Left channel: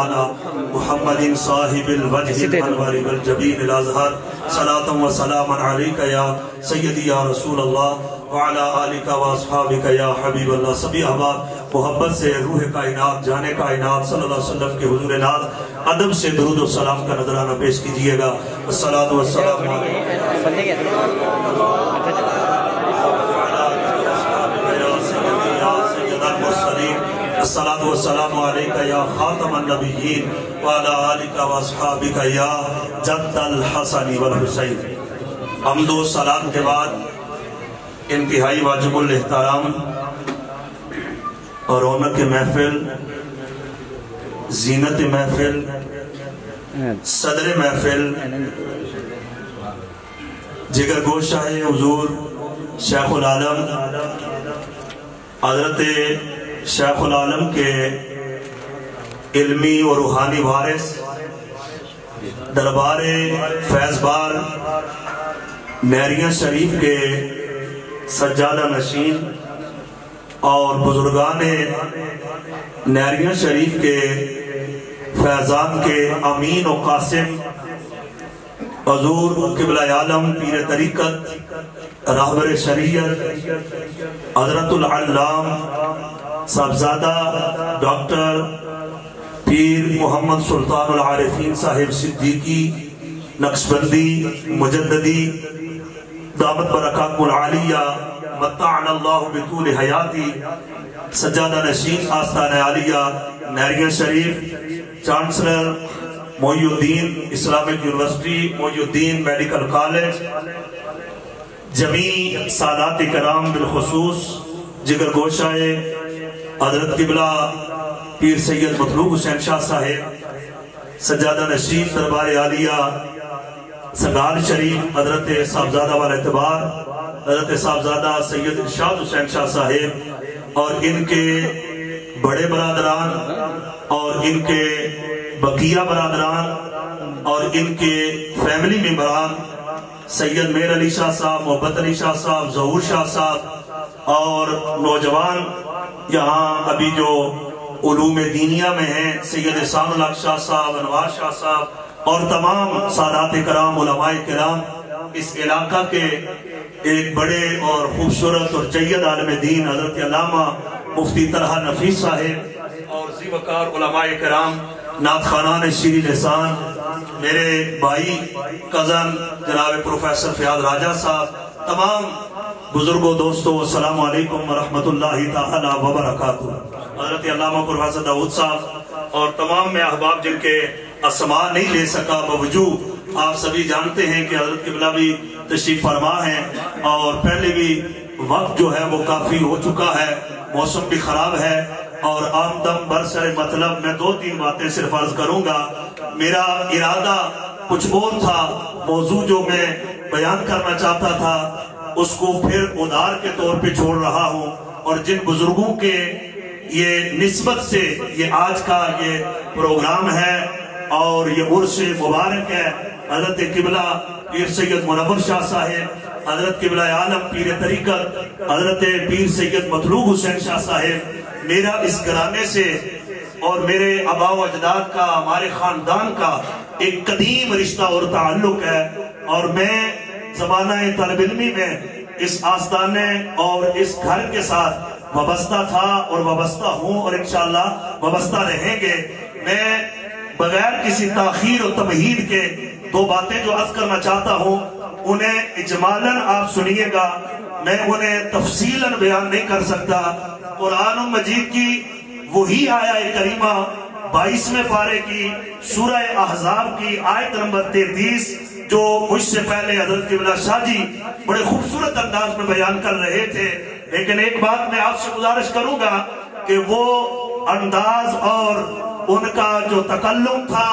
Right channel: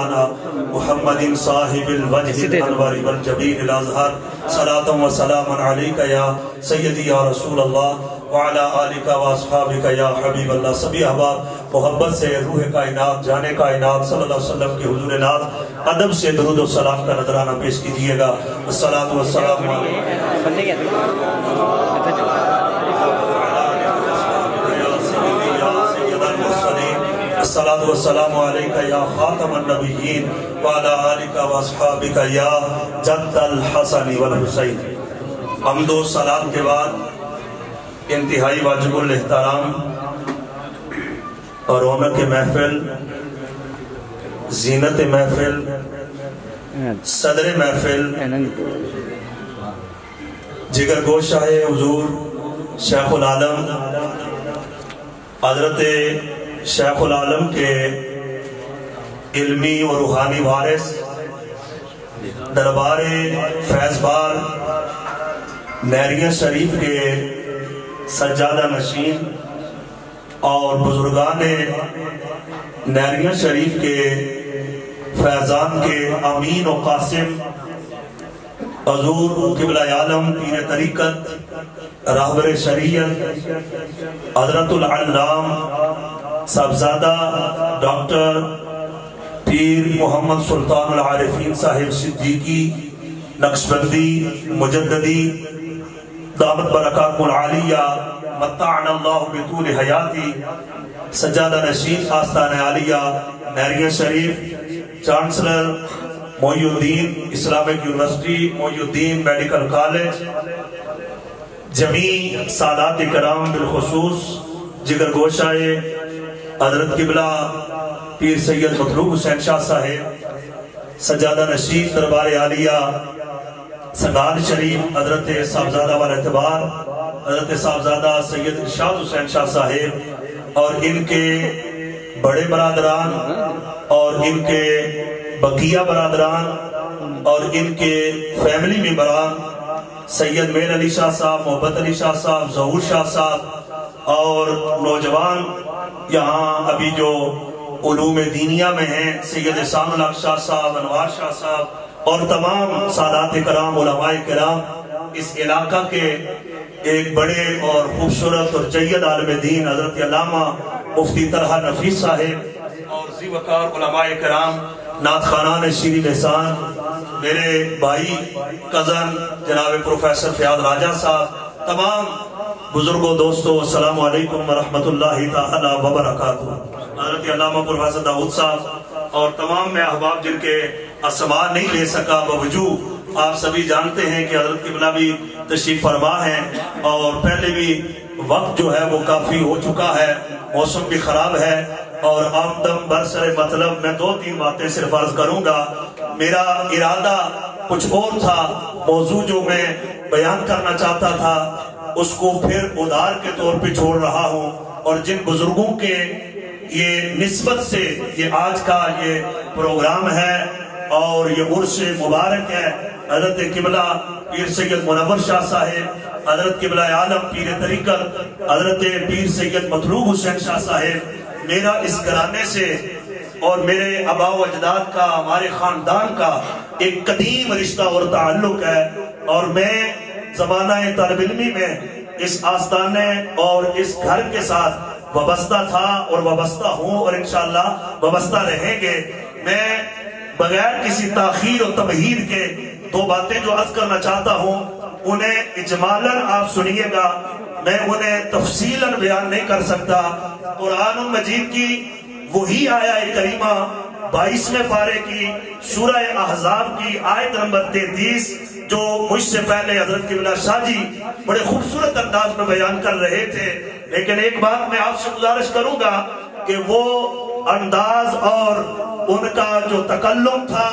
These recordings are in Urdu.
محمد صاحب الوجه الانور والجبین الازہر صلاة و سلام علیکہ یا سیدی یا رسول اللہ وعلا آلکہ و اصحابکہ یا حبیب اللہ. سبھی احباب محبت سے روح کائنات جان کائنات صلی اللہ علیہ وسلم کے حضور ناز ادب سے درود و سلام کا نذرانہ پیش کیجئے گا. الصلاة والسلام الصلاة والسلام علیکہ یا خاتم النبیین وعلا آلکہ و اصحابکہ یا جد الحسن والحسین. حمد و سلام کے بعد انتہائی واجب الاحترام اور رونق محفل، زینت محفل، صدر محفل، جگر گوشہ حضور شیخ العالم حضرت شیخ العالم کے علمی و روحانی وارث دربار فیض بار نیریہ شریف کے سجادہ نشین اور بزرگان نیریہ شریف کے فیضان کے امین و قاسم حضور قبلہ عالم پیر طریقت راہبر شریعت حضرت العلام صاحبزادہ ڈاکٹر پیر محمد سلطان العارفین صاحب صدیقی نقشبندی مجددی دامت برکاتہ العالیہ متعنا اللہ بطول حیاتی سجادہ نشین آستان عالیہ نیریہ شریف چانسلر محی الدین اسلامک یونیورسٹی محی الدین میڈیکل کالج جمیع سادات کرام بالخصوص جگر گوشہ حضرت قبلہ پیر سید مطلوب حسین شاہ صاحب سجادہ نشین دربار عالیہ سنگال شریف حضرت صاحبزادہ والاعتبار حضرت صاحبزادہ سید ارشاد حسین شاہ صاحب اور ان کے بڑے برادران اور ان کے بقیہ برادران اور ان کے فیملی ممبران سید میر علی شاہ صاحب، محبت علی شاہ صاحب، ظہور شاہ صاحب اور نوجوان یہاں ابھی جو علوم دینیہ میں ہیں سید احسان الحق شاہ صاحب، انوار شاہ صاحب اور تمام سادات کرام علماء کرام اس علاقہ کے ایک بڑے اور خوبصورت اور جید عالم دین حضرت علامہ مفتی طلحہ نفیس صاحب اور ذی وقار علماء کرام نعت خوانان شیریں لسان میرے بھائی کزن جناب پروفیسر فیاض راجہ صاحب، تمام بزرگوں دوستوں السلام علیکم ورحمۃ اللہ تعالی وبرکاتہ. حضرت علامہ پروفیسر داؤد صاحب اور تمام میں احباب جن کے اسماء نہیں لے سکا باوجود آپ سبھی جانتے ہیں کہ حضرت قبلہ بھی تشریف فرما ہے اور پہلے بھی وقت جو ہے وہ کافی ہو چکا ہے، موسم بھی خراب ہے اور آمدم برسر مطلب میں 2-3 باتیں صرف عرض کروں گا. میرا ارادہ کچھ اور تھا، موضوع جو میں بیان کرنا چاہتا تھا اس کو پھر ادھار کے طور پہ چھوڑ رہا ہوں اور جن بزرگوں کے یہ نسبت سے یہ آج کا یہ پروگرام ہے اور یہ عرس مبارک ہے، حضرت قبلہ پیر سید منور شاہ صاحب، حضرت قبلہ عالم پیر طریقت حضرت پیر سید مطلوب حسین شاہ صاحب، میرا اس گھرانے سے اور میرے آباء و اجداد کا ہمارے خاندان کا ایک قدیم رشتہ اور تعلق ہے اور میں زمانہ طالب علمی میں اس آستانے اور اس گھر کے ساتھ وابستہ تھا اور وابستہ ہوں اور انشاءاللہ وابستہ رہیں گے. میں بغیر کسی تاخیر و تمہید کے 2 باتیں جو عرض کرنا چاہتا ہوں انہیں اجمالاً آپ سنیے گا، میں انہیں تفصیلاً بیان نہیں کر سکتا. قرآن مجید کی وہی آیہ کریمہ 22ویں پارے کی سورہ احزاب کی آیت نمبر 33 جو مجھ سے پہلے حضرت قبلہ شاہ جی بڑے خوبصورت انداز میں بیان کر رہے تھے، لیکن ایک بات میں آپ سے گزارش کروں گا کہ وہ انداز اور ان کا جو تکلم تھا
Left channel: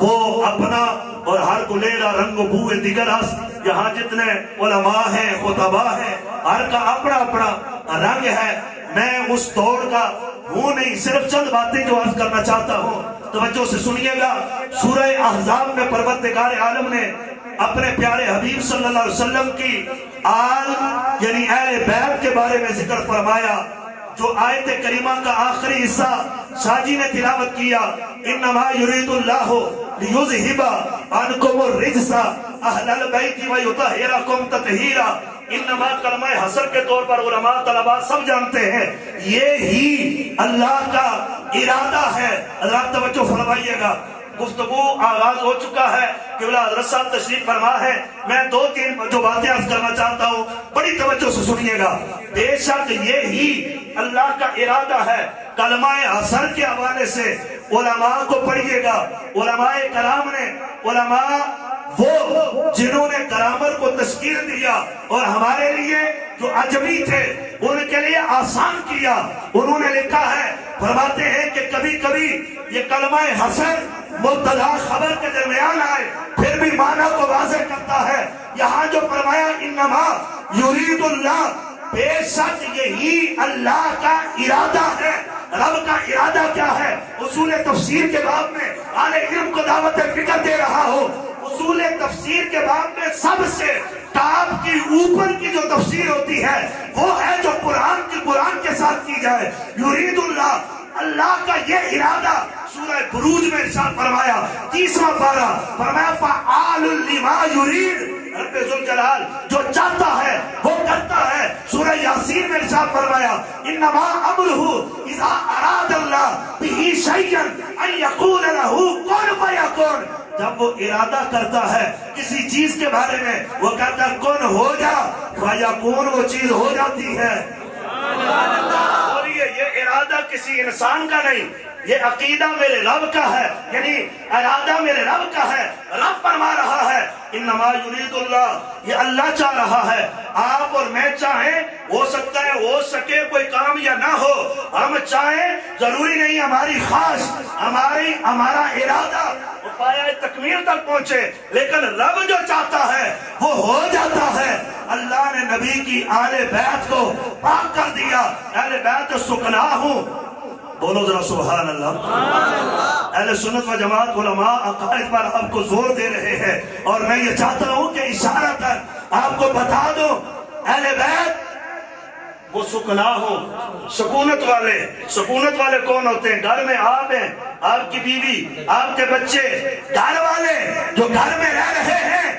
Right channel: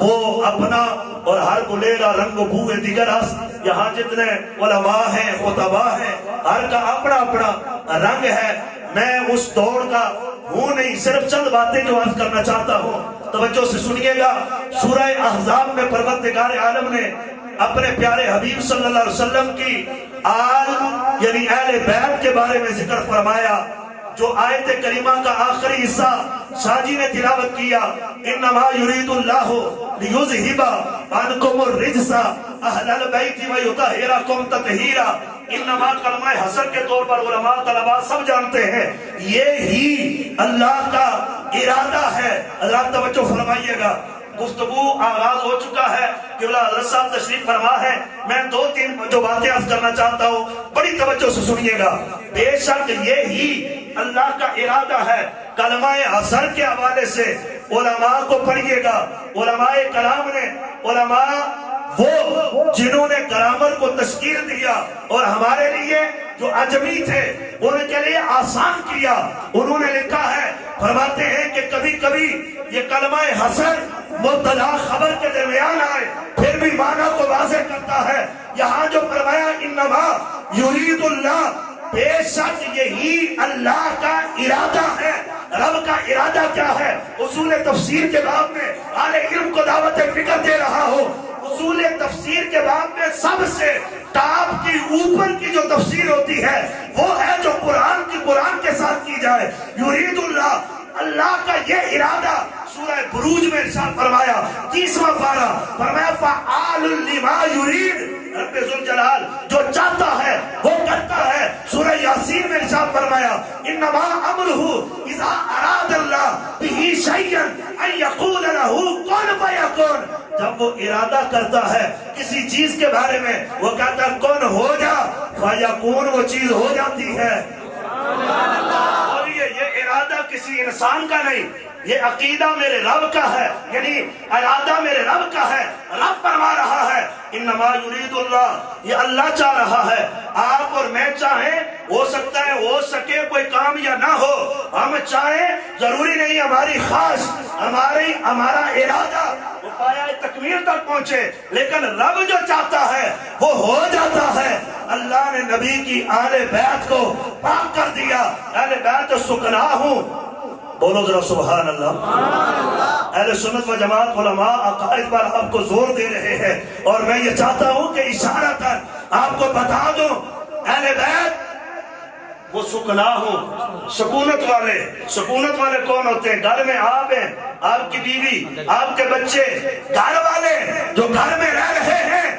وہ اپنا اور ہر کو لیلا رنگ و بوئے دیگر است، یہاں جتنے علماء ہیں خطباء ہیں ہر کا اپنا اپنا رنگ ہے. میں اس دور کا ہوں نہیں، صرف چند باتیں جو عرض کرنا چاہتا ہوں توجہ سے سنیے گا. سورہ احزاب میں پروردگار عالم نے اپنے پیارے حبیب صلی اللہ علیہ وسلم کی آل یعنی اہل بیت کے بارے میں ذکر فرمایا جو آیت کریمہ کا آخری حصہ شاجی نے تلاوت کیا، انما یرید اللہ لیذھب عنکم الرجس اہل البیت ویطہرکم تطہیرا، انما کلمہ حسر کے طور پر علماء طلباء سب جانتے ہیں یہ ہی اللہ کا ارادہ ہے۔ حضرات توجہ فرمائیے گا، گفتگو آغاز ہو چکا ہے، قبلہ حضرت صاحب تشریف فرما ہے، میں دو تین جو باتیں عرض کرنا چاہتا ہوں، بڑی توجہ سے سنیے گا۔ بے شک یہ ہی اللہ کا ارادہ ہے۔ کلمہ حسر کے حوالے سے علماء کو پڑھیے گا، علماء کلام نے، علماء وہ جنہوں نے گرامر کو تشکیل دیا اور ہمارے لیے جو عجمی تھے ان کے لیے آسان کیا، انہوں نے لکھا ہے، فرماتے ہیں کہ کبھی کبھی یہ کلمہ حسر مبتدا خبر کے درمیان آئے پھر بھی معنی کو واضح کرتا ہے۔ یہاں جو فرمایا انما یرید اللہ، بے شک یہی اللہ کا ارادہ ہے۔ رب کا ارادہ کیا ہے؟ اصول تفسیر کے باب میں اہل علم کو دعوت فکر دے رہا ہو، اصول تفسیر کے باب میں سب سے ٹاپ کی اوپر کی جو تفسیر ہوتی ہے وہ ہے جو قرآن کے ساتھ کی جائے۔ یرید اللہ، اللہ کا یہ ارادہ سورہ بروج میں ارشاد فرمایا، 30واں پارہ، فرمایا فعال لما یرید، رب ذوالجلال جو چاہتا ہے وہ کرتا ہے۔ سورہ یاسین میں ارشاد فرمایا انما امرہ اذا اراد اللہ بہ شیئا ان یقول لہ کن فیکن، جب وہ ارادہ کرتا ہے کسی چیز کے بارے میں وہ کہتا ہے کن ہو جا، فیکون، وہ چیز ہو جاتی ہے۔ اور یہ ارادہ کسی انسان کا نہیں، یہ عقیدہ میرے رب کا ہے، یعنی ارادہ میرے رب کا ہے۔ رب فرما رہا ہے انما یرید اللہ، یہ اللہ چاہ رہا ہے۔ آپ اور میں چاہیں، ہو سکتا ہے ہو سکے کوئی کام یا نہ ہو، ہم چاہیں ضروری نہیں ہماری خواہش، ہمارا ارادہ وہ پایا تکمیل تک پہنچے، لیکن رب جو چاہتا ہے وہ ہو جاتا ہے۔ اللہ نے نبی کی آل بیت کو پاک کر دیا، اہل بیت سکنا ہوں، بولو ذرا سبحان اللہ۔ اہل سنت و جماعت علماء عقائد پر آپ کو زور دے رہے ہیں، اور میں یہ چاہتا ہوں کہ اشارتاً آپ کو بتا دوں اہل بیت وہ سکنا ہوں، سکونت والے کون ہوتے ہیں؟ گھر میں آپ ہیں، آپ کی بیوی، آپ کے بچے، گھر والے جو گھر میں رہ رہے ہیں،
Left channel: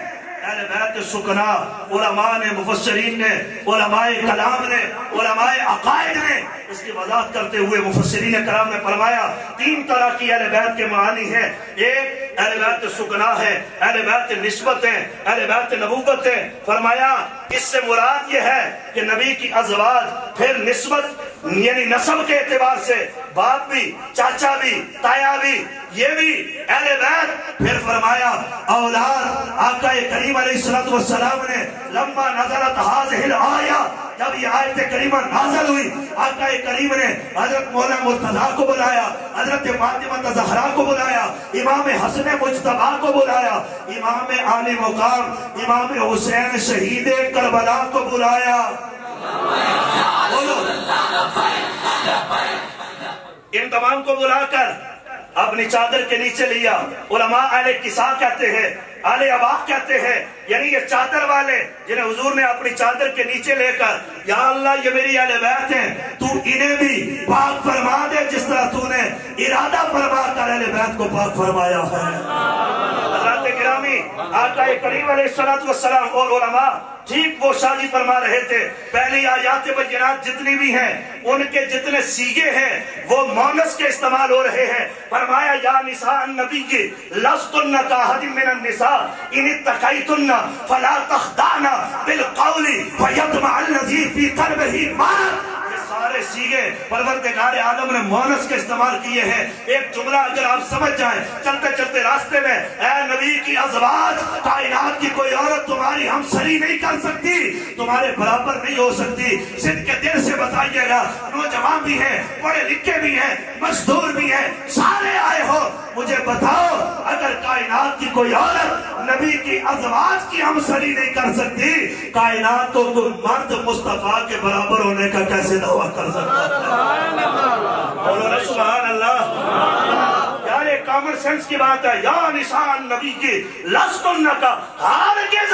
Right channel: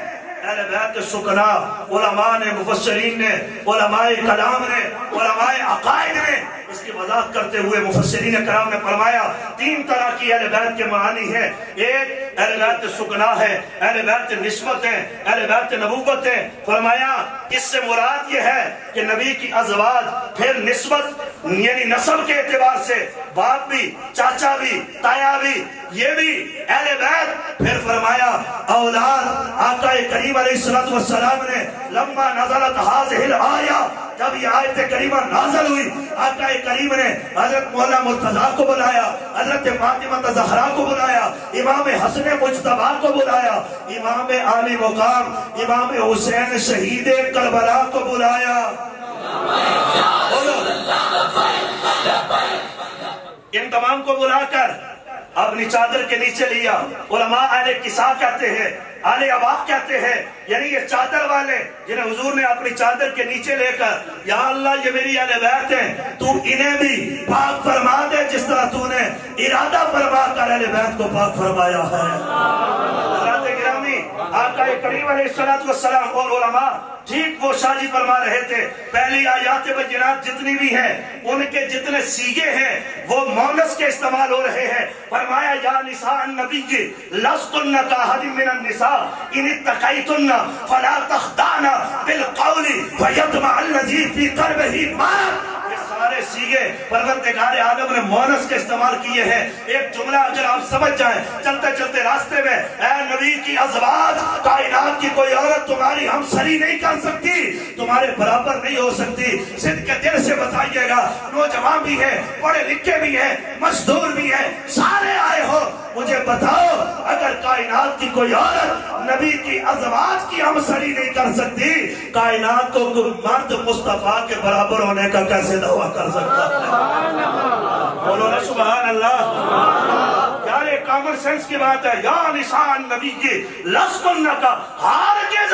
اہل بیت سکنا۔ علماء نے، مفسرین نے، علماء کلام نے، علماء عقائد نے اس کی وضاحت کرتے ہوئے مفسرین کرام نے فرمایا 3 طرح کی اہل بیت کے معانی ہیں۔ ایک اہل بیت سکنا ہے، اہل بیت نسبت ہے، اہل بیت نبوت ہے۔ فرمایا اس سے مراد یہ ہے کہ نبی کی ازواج، پھر نسبت یعنی نسب کے اعتبار سے باپ بھی، چاچا بھی، تایا بھی، یہ بھی اہل بیت۔ پھر فرمایا اولاد، آقا کریم علیہ السلام نے لما نزلت هذه الآیہ، جب یہ آیت کریمہ نازل ہوئی، آقا کریم نے حضرت مولا مرتضیٰ کو بلایا، حضرت فاطمہ زہرا کو بلایا، امام حسن مجتبیٰ کو بلایا، امام عالی مقام امام حسین شہید کربلا کو بلایا۔ ان تمام کو بلا کر اپنی چادر کے نیچے لیا۔ علماء اہل کسا کہتے ہیں، اہل عباق کہتے ہیں، یعنی یہ چادر والے جنہیں حضور نے اپنی چادر کے نیچے لے کر یا اللہ یہ میری اہل بیت ہیں، تو انہیں بھی پاک فرما دے جس طرح تو نے ارادہ فرما کر اہل بیت کو پاک فرمایا ہے۔ حضرات گرامی، آقا کریم علیہ السلام اور علماء ٹھیک وہ شادی فرما رہے تھے۔ پہلی آیات بینات جتنی بھی ہیں ان کے جتنے سیگے ہیں وہ مونس کے استعمال ہو رہے ہیں۔ فرمایا یا نساء النبی لستن کاحد من النساء ان اتقیتن فلا تخضعن بالقول فیطمع الذی فی قلبہ مرض۔ یہ سارے سیگے پروردگار عالم نے مونس کے استعمال کیے ہیں۔ ایک جملہ اگر آپ سمجھ جائیں چلتے چلتے راستے میں، اے نبی کی ازواج، کائنات کی کوئی عورت تمہاری ہمسری نہیں کر سکتی، تمہارے برابر نہیں ہو سکتی۔ صدق کے دل سے بتائیے گا، نوجوان بھی ہیں، پڑھے لکھے بھی ہیں، مزدور بھی ہیں، سارے آئے ہو، مجھے بتاؤ اگر کائنات کی کوئی عورت نبی کی ازواج کی ہمسری نہیں کر سکتی، کائنات کو کوئی مرد مصطفیٰ کے برابر ہونے کا کیسے دعویٰ کر سکتا ہے؟ بولو نا سبحان اللہ۔ یار یہ کامن سینس کی بات ہے۔ یا نساء النبی کی لستن کا ہرگز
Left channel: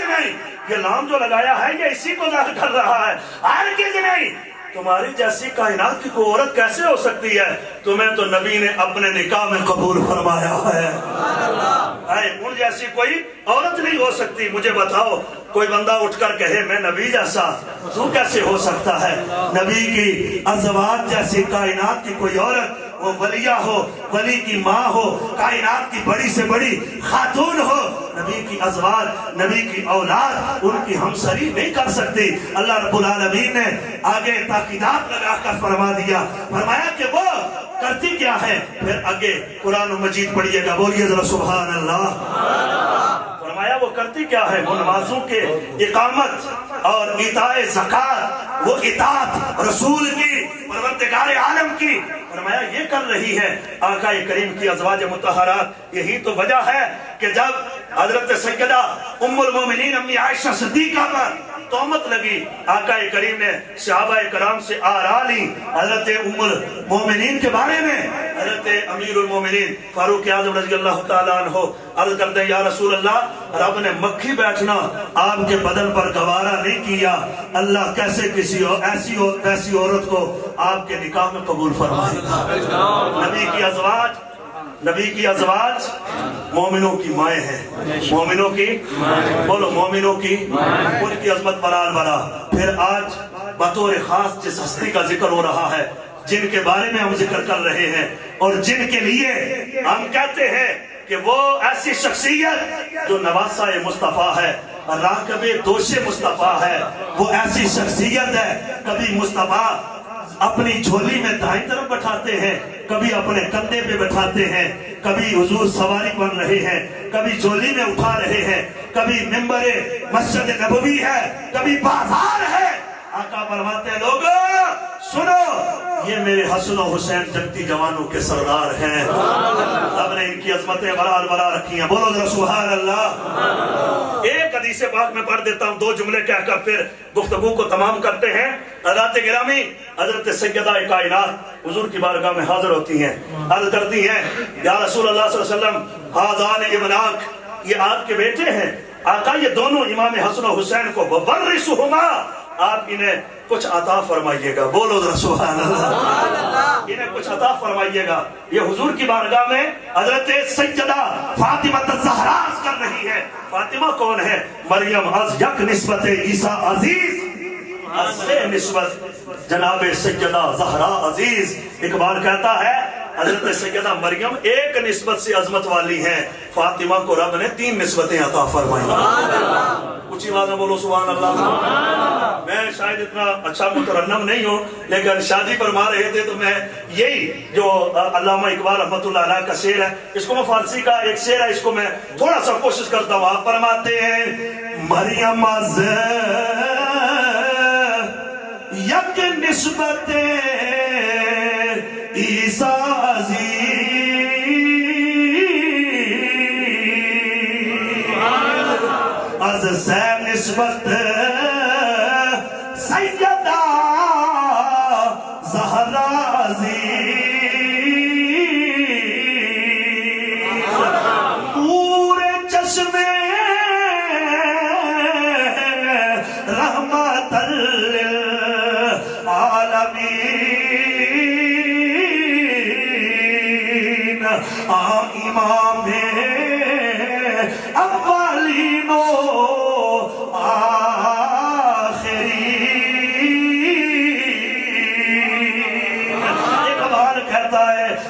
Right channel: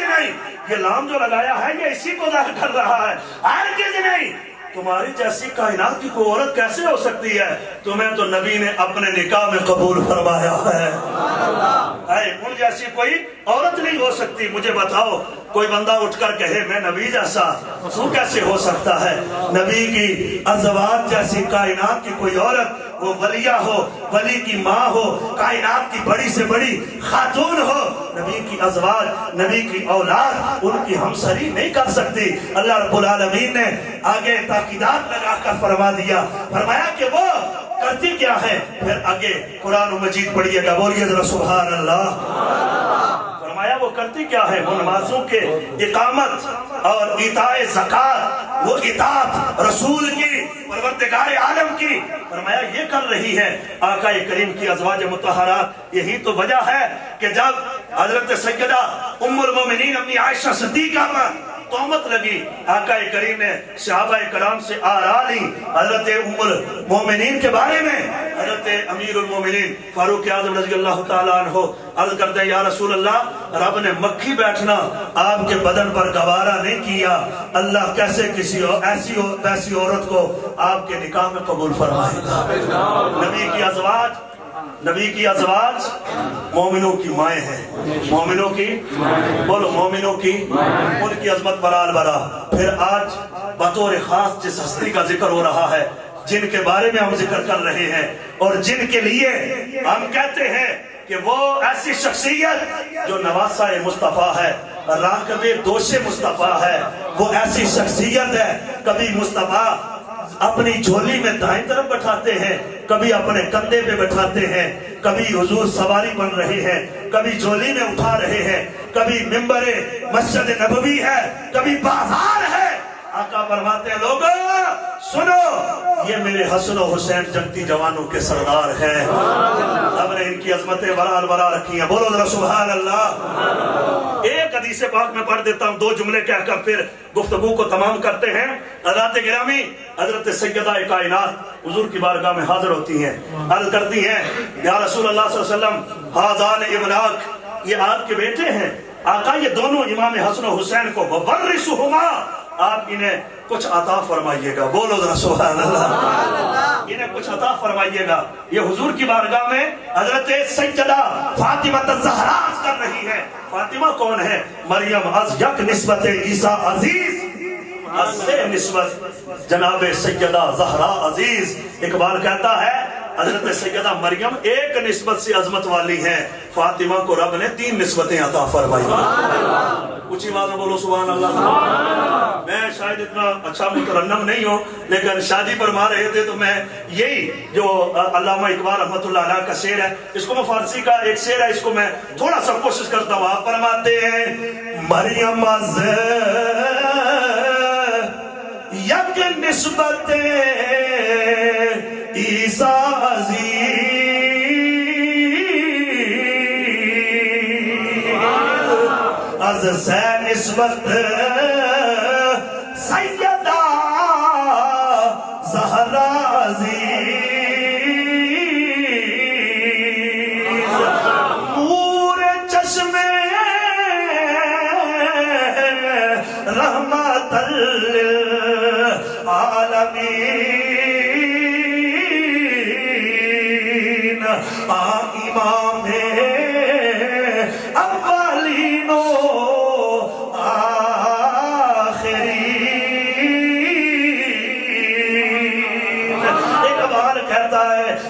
نہیں، یہ لام جو لگایا ہے یہ اسی کو ظاہر کر رہا ہے، ہرگز نہیں تمہاری جیسی کائنات کی کوئی عورت کیسے ہو سکتی ہے؟ تمہیں تو نبی نے اپنے نکاح میں قبول فرمایا ہے۔ ان جیسی کوئی عورت نہیں ہو سکتی۔ مجھے بتاؤ کوئی بندہ اٹھ کر کہے میں نبی جیسا، تو کیسے ہو سکتا ہے؟ نبی کی ازواج جیسی کائنات کی کوئی عورت، وہ ولیہ ہو، ولی کی ماں ہو، کائنات کی بڑی سے بڑی خاتون ہو، نبی کی ازواج، نبی کی اولاد ان کی ہمسری نہیں کر سکتی۔ اللہ رب العالمین نے آگے تاکیدات لگا کر فرما دیا، فرمایا کہ وہ کرتی کیا ہے؟ پھر آگے قرآن مجید پڑھیے گا، بولیے ذرا سبحان اللہ۔ فرمایا وہ کرتی کیا ہے؟ وہ نمازوں کے اقامت اور ایتاء زکات، وہ اطاعت رسول کی، پروردگار عالم کی، فرمایا یہ کر رہی ہے۔ آقا کریم کی ازواج مطہرات، یہی تو وجہ ہے کہ جب حضرت سیدہ ام المومنین امی عائشہ صدیقہ پر تہمت لگی، آقا کریم نے صحابہ کرام سے آرا لی حضرت ام المومنین کے بارے میں۔ حضرت امیر المومنین فاروق اعظم رضی اللہ تعالیٰ عنہ عرض کرتے ہیں یا رسول اللہ، رب نے مکھی بیٹھنا آپ کے بدن پر گوارا نہیں کیا، اللہ کیسے کسی ایسی عورت کو آپ کے نکاح میں قبول فرمائے گا؟ نبی کی ازواج مومنوں کی مائیں ہیں، مومنوں کی، بولو مومنوں کی، ان کی عظمت برال برا۔ پھر آج بطور خاص جس ہستی کا ذکر ہو رہا ہے، جن کے بارے میں ہم ذکر کر رہے ہیں اور جن کے لیے ہم کہتے ہیں کہ وہ ایسی شخصیت جو نواسہ مصطفیٰ ہے، راکب دوش مصطفیٰ ہے، وہ ایسی شخصیت ہے کبھی مصطفیٰ اپنی جھولی میں دائیں طرف بٹھاتے ہیں، کبھی اپنے کندھے پہ بٹھاتے ہیں، کبھی حضور سواری بن رہے ہیں، کبھی جھولی میں اٹھا رہے ہیں، کبھی ممبر مسجد نبوی ہے، کبھی بازار ہے۔ آقا فرماتے ہیں لوگوں سنو، یہ میرے حسن و حسین جنتی جوانوں کے سردار ہیں، اب نے ان کی عظمتیں برار برار رکھی ہیں، بولو ذرا سبحان اللہ۔ ایک حدیث پاک میں پڑھ دیتا ہوں، دو جملے کہہ کر پھر گفتگو کو تمام کرتے ہیں۔ حضرات گرامی، حضرت سیدہ کائنات حضور کی بارگاہ میں حاضر ہوتی ہیں، عرض کرتی ہیں یا رسول اللہ صلی اللہ علیہ وسلم حاذان ابناک، یہ آپ کے بیٹے ہیں۔ آقا یہ دونوں امام حسن و حسین کو وورثہما، آپ انہیں کچھ عطا فرمائیے گا، بولو ذرا سبحان اللہ، انہیں کچھ عطا فرمائیے گا۔ یہ حضور کی بارگاہ میں حضرت سیدہ فاطمہ الزہرا کر رہی ہے۔ فاطمہ کون ہے؟ مریم از یک نسبت عیسیٰ عزیز، از سے نسبت جناب سیدہ زہرا عزیز۔ اقبال کہتا ہے حضرت سیدہ مریم ایک نسبت سے عظمت والی ہیں، فاطمہ کو رب نے 3 نسبتیں عطا فرمائی۔ کچھ بات میں بولو سبحان اللہ۔ میں شاید اتنا اچھا مترنم نہیں ہوں، لیکن شادی فرما رہے تھے تو میں یہی جو علامہ اقبال رحمۃ اللہ علیہ کا شعر ہے، اس کو میں فارسی کا ایک شعر ہے، اس کو میں تھوڑا سا کوشش کرتا ہوں۔ آپ فرماتے ہیں مریم از یک نسبت عیسیٰ عزیز، از سے نسبت سیدہ زہرا عزیز، نور چشم رحمت للعالمین، امام اولین و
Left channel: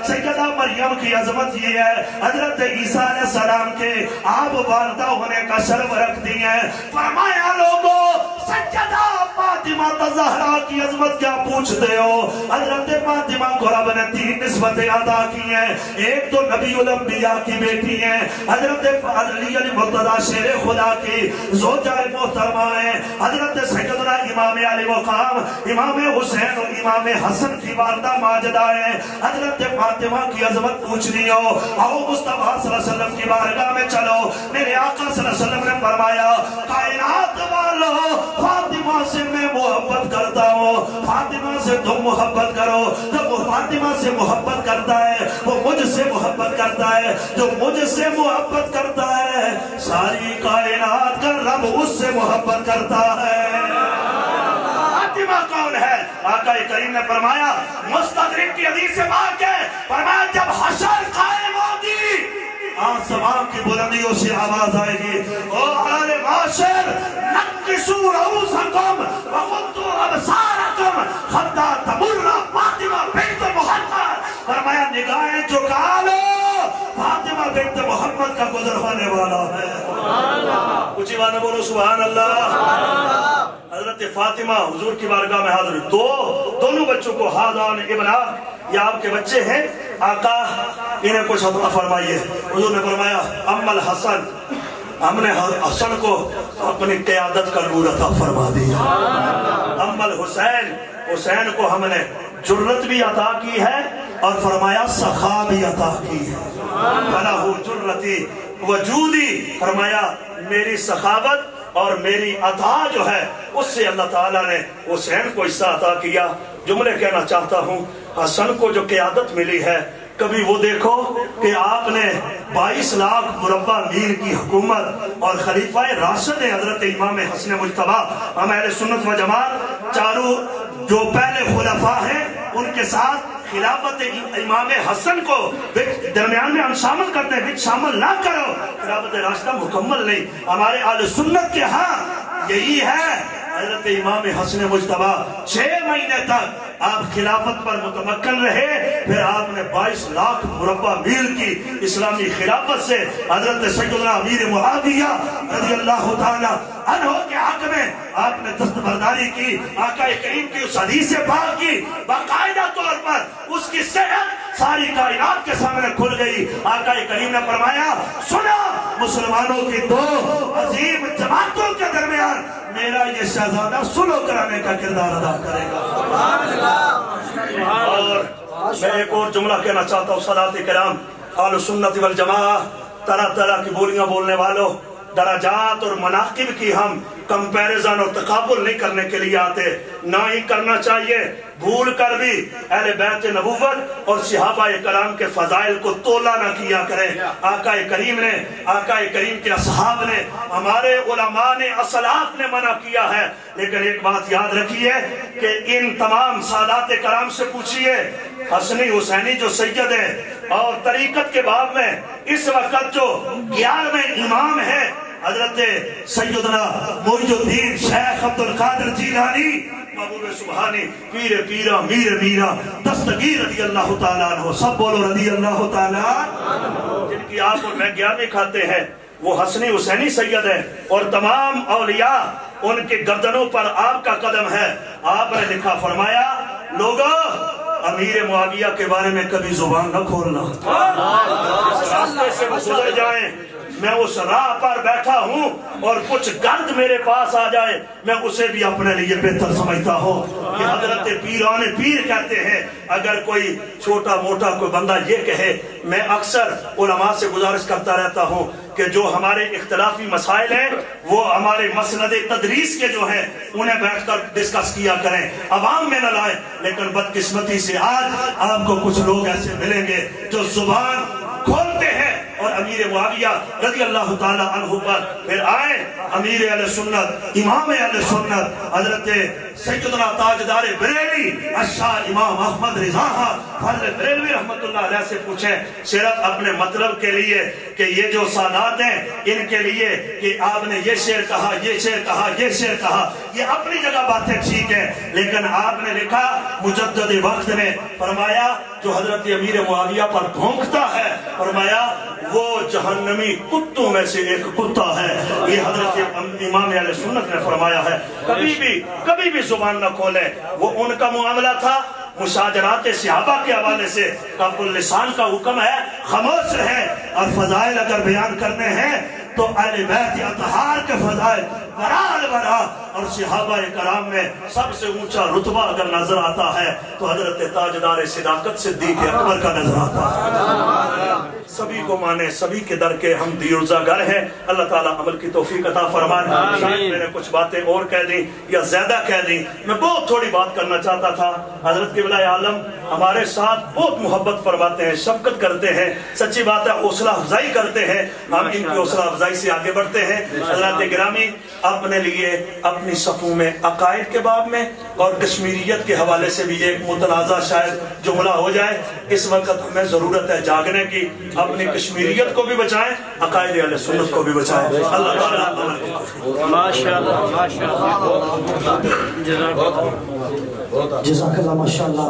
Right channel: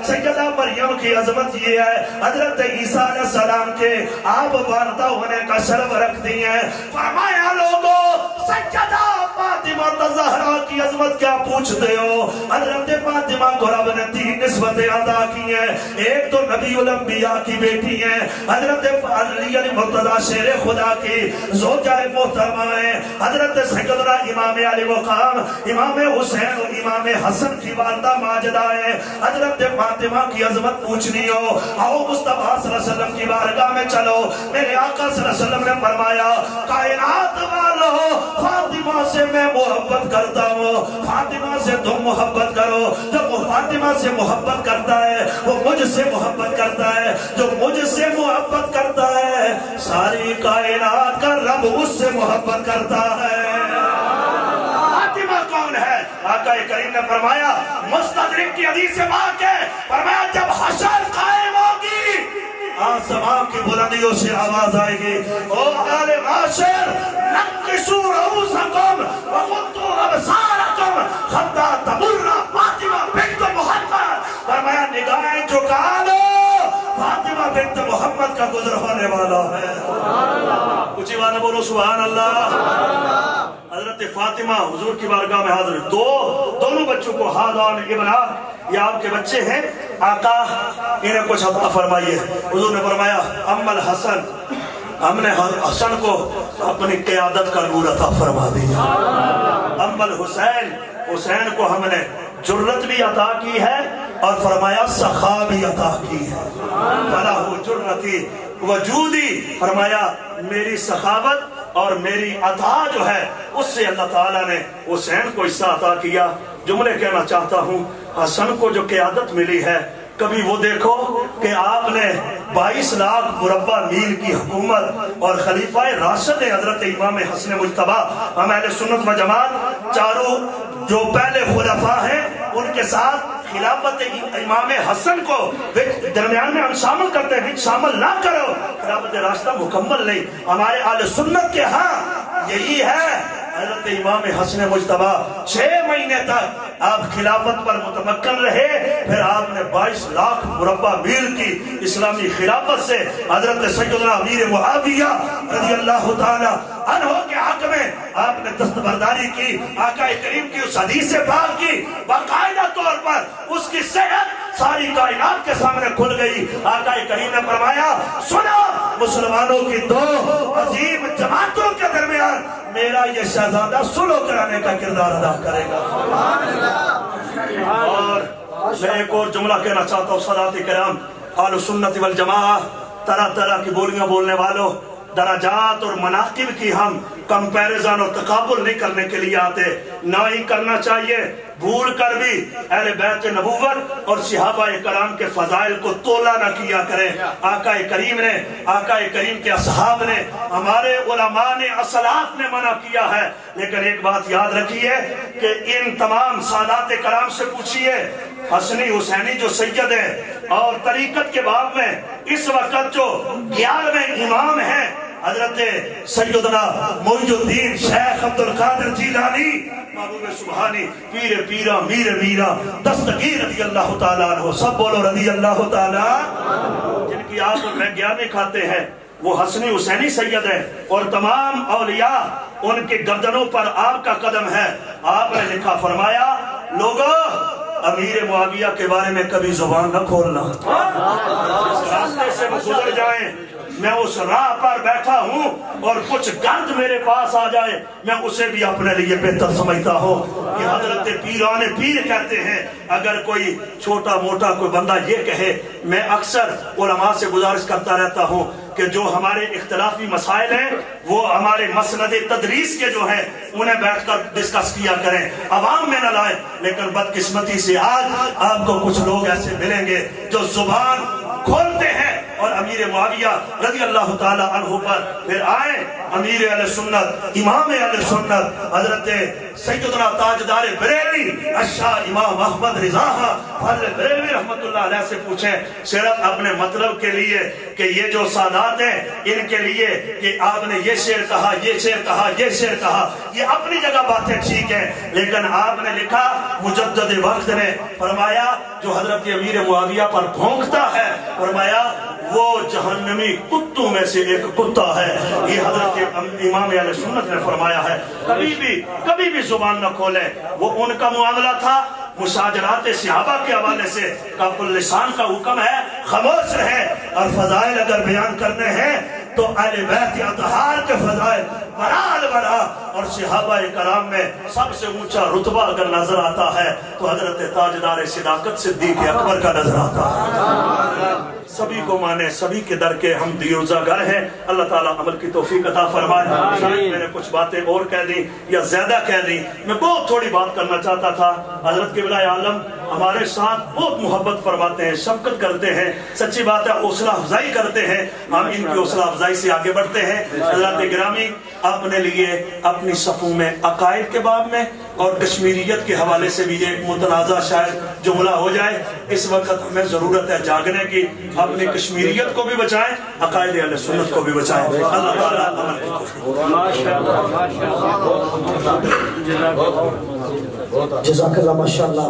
سیدہ مریم کی عظمت یہ ہے، حضرت عیسیٰ علیہ السلام کے آپ والدہ ہونے کا شرف رکھتی ہیں۔ فرمایا لوگوں سیدہ فاطمہ الزہرا کی عظمت کیا پوچھتے ہو؟ حضرت فاطمہ کو رب نے 3 نسبتیں ادا کی ہیں۔ ایک تو نبی الانبیاء کی بیٹی ہیں، حضرت علی المرتضیٰ شیر خدا کی زوجہ محترمہ ہیں، حضرت سیدنا امام علی مقام امام حسین و امام حسن کی والدہ ماجدہ ہیں۔ حضرت فاطمہ کی عظمت پوچھنی ہو، آؤ مصطفیٰ صلی اللہ علیہ وسلم کی بارگاہ میں چلو۔ میرے آقا صلی اللہ علیہ وسلم نے فرمایا کائنات والو فاطمہ سے میں محبت کرتا ہوں، فاطمہ سے تم محبت کرو۔ جب وہ فاطمہ سے محبت کرتا ہے وہ مجھ سے محبت کرتا ہے، جو مجھ سے محبت کرتا ہے ساری کائنات کا رب اس سے محبت کرتا ہے۔ فاطمہ کون ہے؟ آقا کریم نے فرمایا مستدرک کی حدیث سے پاک ہے، فرمایا جب حشر قائم ہوگی آسمان کی بلندیوں سے آواز آئے گی، او اہل معاشر نقصوا رؤوسکم وغضوا ابصارکم حتی تمر فاطمہ بنت محمد، فرمایا نگاہیں جھکا لو، فاطمہ بنت محمد کا گزر ہونے والا ہے۔ اونچی بات بولو سبحان اللہ۔ حضرت فاطمہ حضور کی بارگاہ میں حاضر، دونوں بچوں کو ہادان ابنا، یہ آپ کے بچے ہیں آقا، انہیں کچھ عطا فرمائیے۔ حضور نے فرمایا اما الحسن، ہم نے حسن کو اپنی قیادت کا نور عطا فرما دیا، اما الحسین، حسین کو ہم نے جرت بھی عطا کی ہے اور فرمایا سخا بھی عطا کی ہے، فلاح جرتی وجودی، فرمایا میری سخاوت اور میری عطا جو ہے اس سے اللہ تعالیٰ نے حسین کو حصہ عطا کیا۔ جملے کہنا چاہتا ہوں، حسن کو جو قیادت ملی ہے، کبھی وہ دیکھو کہ آپ نے 22 لاکھ مربع میل کی حکومت اور خلیفہ راشد حضرت امام حسن مجتبی، ہم اہل سنت و جماعت چاروں جو پہلے خلفاء ہیں ان کے ساتھ خلافت امام حسن کو درمیان میں ہم شامل کرتے ہیں، شامل نہ کرو، خلافت راشدہ مکمل نہیں۔ ہمارے اہل سنت کے ہاں یہی ہے، حضرت امام حسن مجتبی 6 مہینے تک آپ خلافت پر متمکن رہے، پھر آپ نے 22 لاکھ مربع میل کی اسلامی خلافت سے حضرت سیدنا امیر معاویہ رضی اللہ تعالی عنہ کے حق میں آپ نے دستبرداری کی، آقا کریم کی اس حدیث پاک کی باقاعدہ طور پر اس کی صحت ساری کائنات کے سامنے کھل گئی۔ آقا کریم نے فرمایا سنا مسلمانوں کی 2 عظیم جماعتوں کے درمیان میرا یہ شہزادہ صلح کرانے کا کردار ادا کرے گا۔ اور میں ایک اور جملہ کہنا چاہتا ہوں، سادات کرام اہل سنت والجماعہ، طرح طرح کی بولیاں بولنے والوں، درجات اور مناقب کی ہم کمپیریزن اور تقابل نہیں کرنے کے لیے آتے، نہ ہی کرنا چاہیے۔ بھول کر بھی اہل بیت نبوت اور صحابہ کرام کے فضائل کو تولا نہ کیا کریں۔ آقا کریم نے، آقا کریم کے اصحاب نے، ہمارے علماء نے، اسلاف نے منع کیا ہے، لیکن ایک بات یاد رکھیے کہ ان تمام سادات کرام سے پوچھئے، حسنی حسینی جو سید ہیں اور طریقت کے باب میں اس وقت جو 11ویں امام ہیں حضرت سیدنا معین الدین شیخ عبدالقادر جیلانی محبوب سبحانی، پیر پیرا میر میرا دستگیر رضی اللہ تعالیٰ عنہ، سب بولو رضی اللہ تعالیٰ، جن کی آپ اور میں 11ویں کھاتے ہیں، وہ حسنی حسینی سید ہے، اور تمام اولیاء ان کے گردنوں پر آپ کا قدم ہے۔ آپ نے لکھا فرمایا لوگوں امیر معاویہ کے بارے میں کبھی زبان نہ کھولنا، جس راستے سے وہ گزر جائیں میں اس راہ پر بیٹھا ہوں اور کچھ گرد میرے پاس آ جائے میں اسے بھی اپنے لیے بہتر سمجھتا ہوں۔ یہ حضرت پیران پیر کہتے ہیں۔ اگر کوئی چھوٹا موٹا کوئی بندہ یہ کہے، میں اکثر علماء سے گزارش کرتا رہتا ہوں کہ جو ہمارے اختلافی مسائل ہیں وہ ہمارے مسند تدریس کے جو ہیں انہیں بیٹھ کر ڈسکس کیا کریں، عوام میں نہ لائیں۔ لیکن بدقسمتی سے آج آپ کو کچھ لوگ ایسے ملیں گے جو زبان کھولتے ہیں اور امیر معاویہ رضی اللہ تعالیٰ عنہ پر پھر آئے امیر اہل سنت، امام اہل سنت حضرت سیدنا تاجدار بریلی اشار امام احمد رضا فضل بریلوی رحمت اللہ علیہ سے پوچھیں صرف اپنے مطلب کے لیے کہ یہ جو سادات ہیں ان کے لیے کہ آپ نے یہ شعر کہا، یہ شعر کہا، یہ شعر کہا، یہ اپنی جگہ باتیں ٹھیک ہیں، لیکن آپ نے لکھا مجدد وقت میں فرمایا جو حضرت امیر معاویہ پر بھونکتا ہے، فرمایا وہ جہنمی کتوں میں سے ایک کتا ہے۔ یہ حضرت امام اہل سنت نے فرمایا ہے۔ کبھی بھی زبان نہ کھولے، وہ ان کا معاملہ تھا۔ مشاجرات صحابہ کے حوالے سے کف اللسان کا حکم ہے، خاموش رہے، اور فضائل اگر بیان کرنے ہیں تو اہل بیت اطہار کے فضائل برا اور صحابہ کرام میں سب سے اونچا رتبہ اگر نظر آتا ہے تو حضرت تاجدار صداقت صدیق اکبر کا نظر آتا ہے۔ سبھی کو مانے، سبھی کے در کے ہم دیروزہ گر ہیں۔ اللہ تعالیٰ عمل کی توفیق عطا فرمائے۔ شاید میں نے کچھ باتیں اور کہہ دی یا زیادہ کہہ دی، میں بہت تھوڑی بات کرنا چاہتا تھا۔ حضرت قبلہ عالم ہمارے ساتھ بہت محبت فرماتے ہیں، شفقت کرتے ہیں، سچی بات ہے حوصلہ افزائی کرتے ہیں، ہم ان کی حوصلہ افزائی سے آگے بڑھتے ہیں۔ حضرات گرامی، اپنے لیے اپنی صفوں میں عقائد کے باب میں اور کشمیریت کے حوالے سے بھی ایک متنازع شاید جملہ ہو جائے. اس وقت ہمیں ضرورت ہے جاگنے کی. اپنی کشمیریت کو بھی بچائیں, عقائد اہل سنت کو بھی بچائیں. اللہ تعالیٰ عمل کو جزاک اللہ. ماشاءاللہ,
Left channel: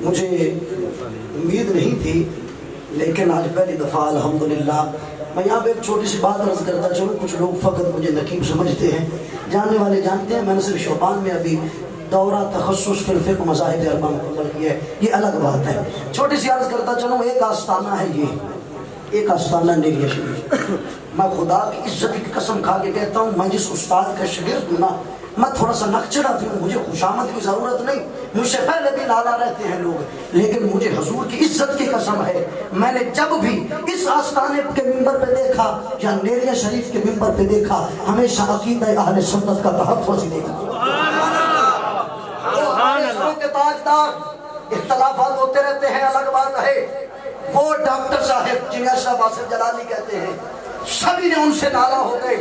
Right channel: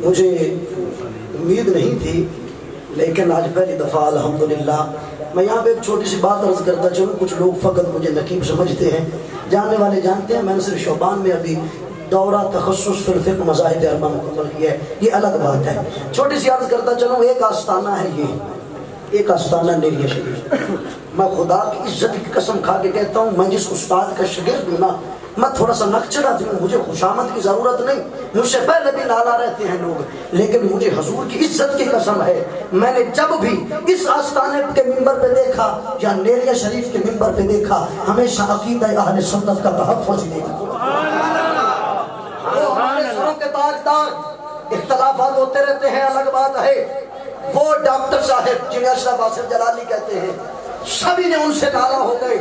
مجھے امید نہیں تھی, لیکن آج پہلی دفعہ الحمدللہ. میں یہاں پہ ایک چھوٹی سی بات عرض کرتا چلوں. کچھ لوگ فقط مجھے نقیب سمجھتے ہیں, جاننے والے جانتے ہیں. میں نے صرف شعبان میں ابھی دورہ تخصص فی الفقہ مذاہب اربعہ مکمل کیا ہے, یہ الگ بات ہے. چھوٹی سی عرض کرتا چلوں. ایک آستانہ ہے, یہ ایک آستانہ نیریہ شریف. میں خدا کی عزت کی قسم کھا کے کہتا ہوں, میں جس استاد کا شاگرد ہوں نا, میں تھوڑا سا نقچڑا بھی ہوں. مجھے خوشامد کی ضرورت نہیں, مجھ سے پہلے بھی لالا رہتے ہیں لوگ, لیکن مجھے حضور کی عزت کی قسم ہے, میں نے جب بھی اس آستانے کے منبر پہ دیکھا یا نیریہ شریف کے منبر پہ دیکھا, ہمیشہ عقیدہ اہل سنت کا تحفظ دیکھا. ہمارے سروں کے تاجدار, اختلافات ہوتے رہتے ہیں, الگ بات ہے. وہ ڈاکٹر صاحب جنہیں اشرف آصف جلالی کہتے ہیں, سبھی نے ان سے ناراض ہو گئے,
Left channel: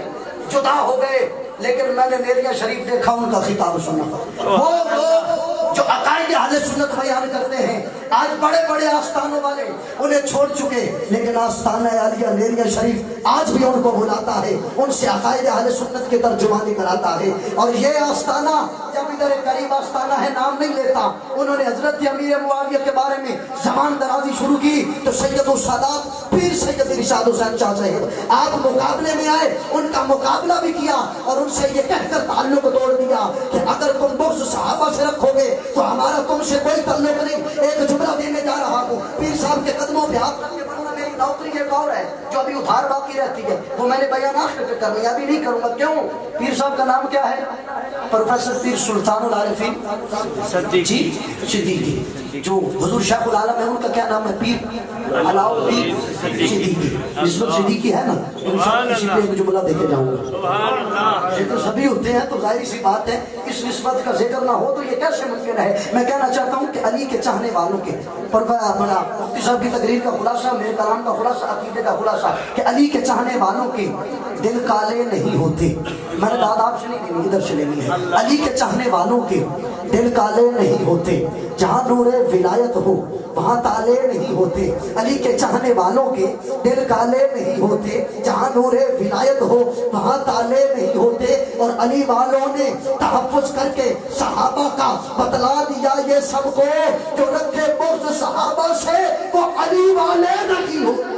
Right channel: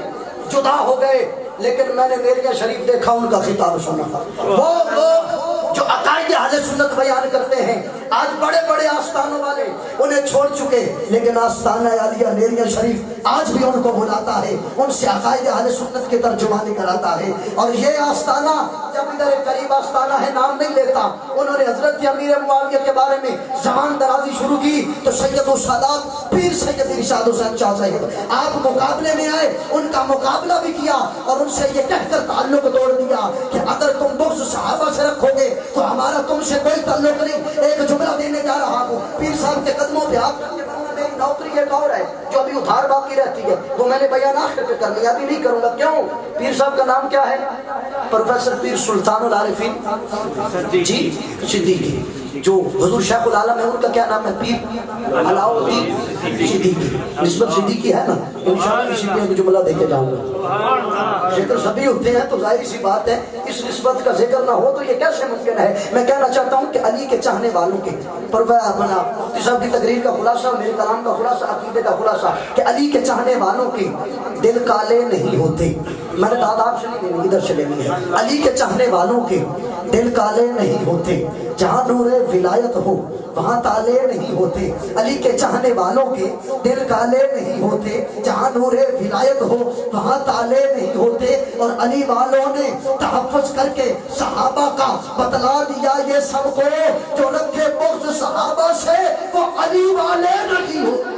جدا ہو گئے, لیکن میں نے نیریہ شریف دیکھا, ان کا خطاب سنا. وہ لوگ جو عقائد اہل سنت بیان کرتے ہیں, آج بڑے بڑے آستانوں والے انہیں چھوڑ چکے, لیکن آستانہ عالیہ نیریہ شریف آج بھی ان کو بلاتا ہے, ان سے عقائد اہل سنت کی ترجمانی کراتا ہے. اور یہ آستانہ جب ادھر قریب آستانہ ہے, نام نہیں لیتا, انہوں نے حضرت امیر معاویہ کے بارے میں زبان درازی شروع کی تو سید السادات پیر سید ارشاد حسین شاہ صاحب آپ مقابلے میں آئے, ان کا مقابلہ بھی کیا اور ان سے یہ کہہ کر تعلق توڑ دیا کہ اگر تم بغض صحابہ سے رکھو گے تو ہمارا تم سے کوئی تعلق نہیں. ایک جملہ دینے جا رہا ہوں, پیر صاحب کے قدموں پہ ہاتھ رکھ کے بولنا, میری نوکری ایک اور ہے جو ابھی ادھار باقی رہتی ہے, وہ میں نے بیان آخر پہ کرنا ہے, ابھی نہیں کروں گا. کیوں؟ پیر صاحب کا نام کیا ہے؟ پروفیسر پیر سلطان العارفین جی صدیقی, جو حضور شیخ العالم ہے, ان کا کیا نام ہے؟ پیر علاؤالدین صدیقی. نسبت صدیقی ہے نا, انشاءاللہ کسی پہ ایک جملہ دے کے جاؤں گا. ذکر سبھی ہوتے ہیں تو ظاہر سی بات ہے, اس نسبت کا ذکر نہ ہو تو یہ کیسے ممکن ہے. میں کہنا چاہتا ہوں کہ علی کے چاہنے والوں کے مفتی صاحب کی تقریر کا خلاصہ, میرے کلام کا خلاصہ, عقیدے کا خلاصہ, کہ علی کے چاہنے والوں کے دل کالے نہیں ہوتے. میں نے آداب سے نہیں لینی, ادھر سے لینی ہے. علی کے چاہنے والوں کے دل کالے نہیں ہوتے, جہاں نور ولایت ہو وہاں تالے نہیں ہوتے. علی کے چاہنے والوں کے دل کالے نہیں ہوتے, جہاں نور ولایت ہو وہاں تالے نہیں ہوتے. اور علی والوں نے تحفظ کر کے صحابہ کا بتلا دیا یہ سب کو, جو رکھے بغض صحابہ سے وہ علی والے نہیں ہوتے.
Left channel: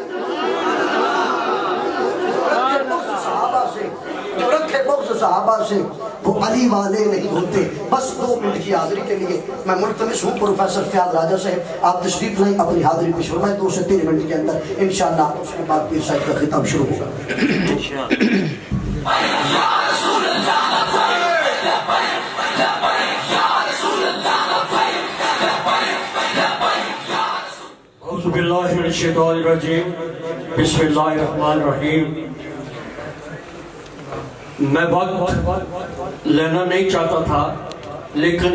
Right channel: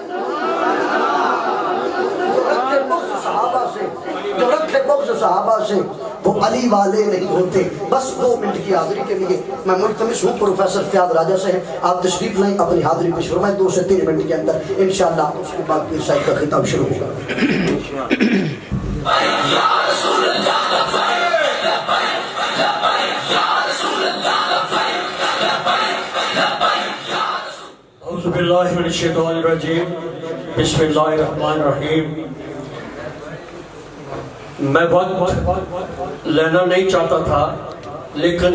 جو رکھے بغض صحابہ سے وہ علی والے نہیں ہوتے. بس 2 منٹ کی حاضری کے لیے میں ملتمس ہوں پروفیسر فیاض راجہ صاحب, آپ تشریف لیں, اپنی حاضری پیش فرمائیں. 2 سے 3 منٹ کے اندر انشاءاللہ اس کے بعد پیر صاحب کا خطاب شروع ہوگا. اعوذ باللہ من الشیطان الرجیم, بسم اللہ الرحمن الرحیم. میں وقت لینا نہیں چاہتا تھا, لیکن